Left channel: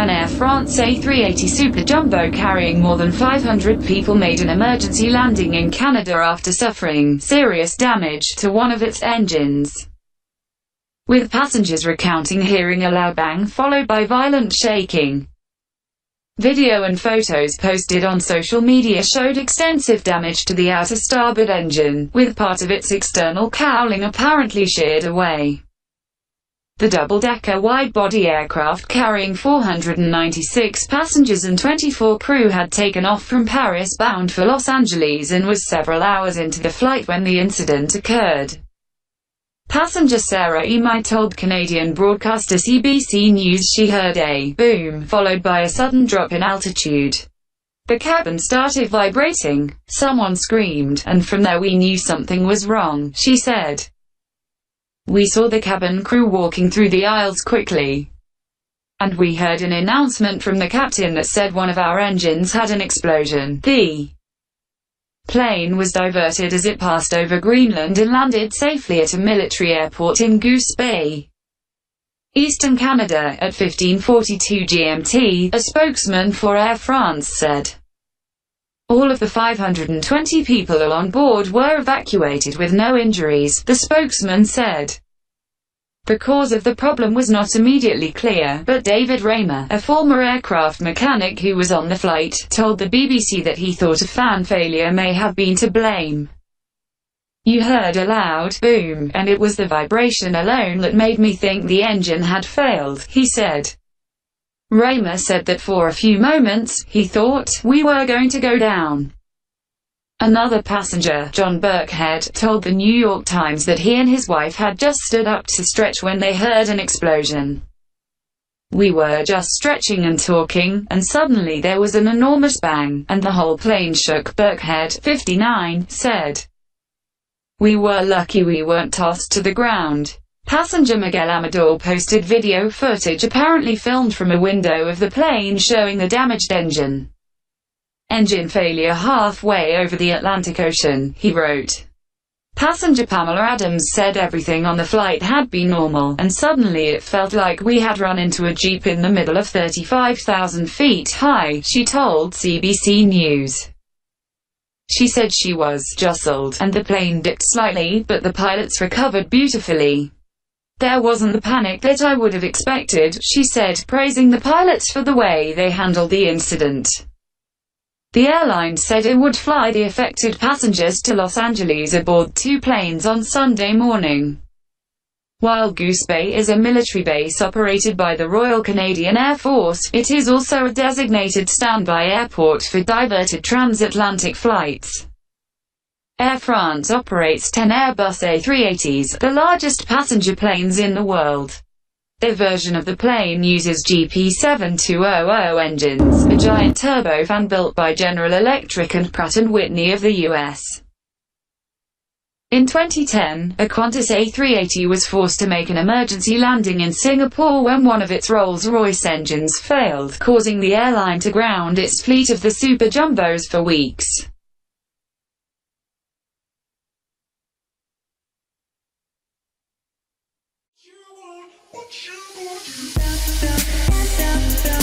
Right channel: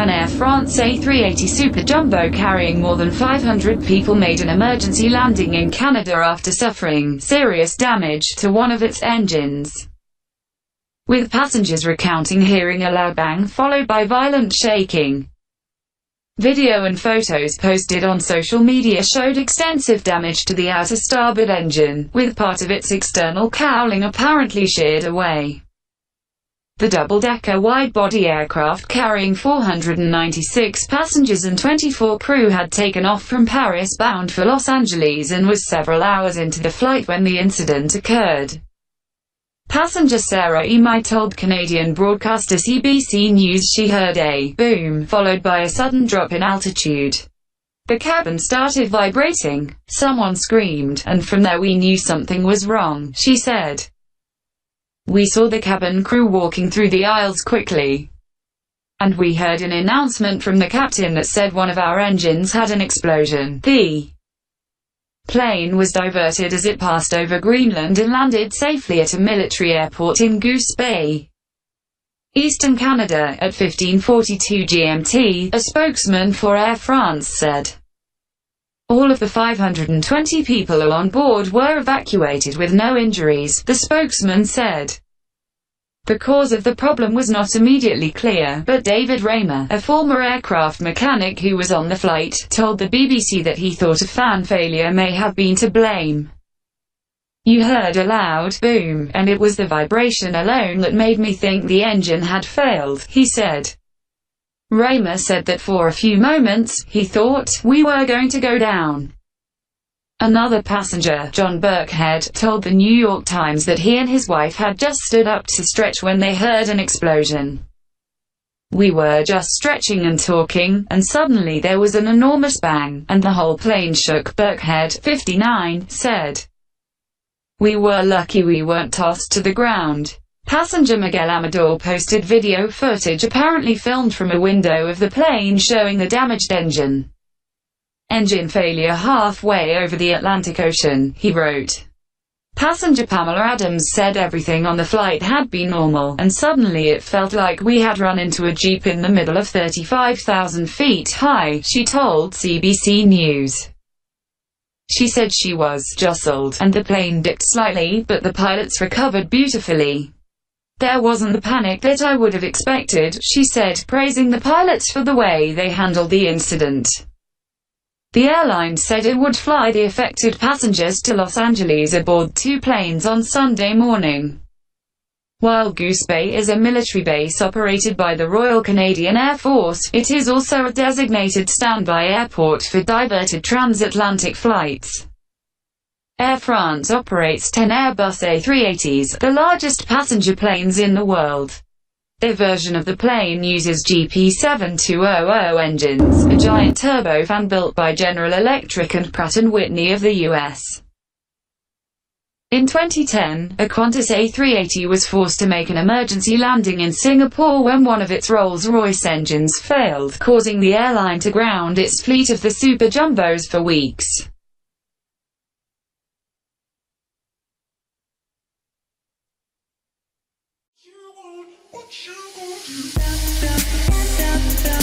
An Air France A380 superjumbo carrying more than 500 people made an emergency landing in Canada after suffering serious damage to one of its engines, with passengers recounting hearing a loud bang followed by violent shaking. Video and photos posted on social media showed extensive damage to the outer starboard engine, with part of its external cowling apparently sheared away. The double-decker wide-body aircraft carrying 496 passengers and 24 crew had taken off from Paris bound for Los Angeles and was several hours into the flight when the incident occurred. Passenger Sarah Emi told Canadian broadcaster CBC News she heard a boom, followed by a sudden drop in altitude. The cabin started vibrating, someone screamed, and from there we knew something was wrong, she said. We saw the cabin crew walking through the aisles quickly, and we heard an announcement from the captain that said one of our engines had an explosion. The plane was diverted as it passed over Greenland and landed safely at a military airport in Goose Bay, Eastern Canada, at 15:42 GMT, a spokesman for Air France said. All of the 520 people on board were evacuated with no injuries, the spokesman said. The cause of the problem was not immediately clear, but David Raymer, a former aircraft mechanic who was on the flight, told the BBC that he thought a fan failure may have been to blame. You heard a loud boom, and it was the vibration alone that made me think the engine had failed, he said. Raymer said that for a few moments, he thought we were going to go down. Another passenger, John Burkhead, told the New York Times that he and his wife had just stood up to stretch when they heard an explosion. We were just stretching and talking, and suddenly there was an enormous bang, and the whole plane shook, Burkhead, 59, said. We were lucky we weren't tossed to the ground. Passenger Miguel Amador posted video footage apparently filmed from a window of the plane showing the damaged engine. Engine failure halfway over the Atlantic Ocean, he wrote. Passenger Pamela Adams said everything on the flight had been normal, and suddenly it felt like we had run into a jeep in the middle of 35,000 feet high, she told CBC News. She said she was jostled, and the plane dipped slightly, but the pilots recovered beautifully. There wasn't the panic that I would have expected, she said, praising the pilots for the way they handled the incident. The airline said it would fly the affected passengers to Los Angeles aboard two planes on Sunday morning. While Goose Bay is a military base operated by the Royal Canadian Air Force, it is also a designated standby airport for diverted transatlantic flights. Air France operates 10 Airbus A380s, the largest passenger planes in the world. Their version of the plane uses GP7200 engines, a giant turbofan built by General Electric and Pratt & Whitney of the U.S. In 2010, a Qantas A380 was forced to make an emergency landing in Singapore when one of its Rolls-Royce engines failed, causing the airline to ground its fleet of the super jumbos for weeks. What you gonna do?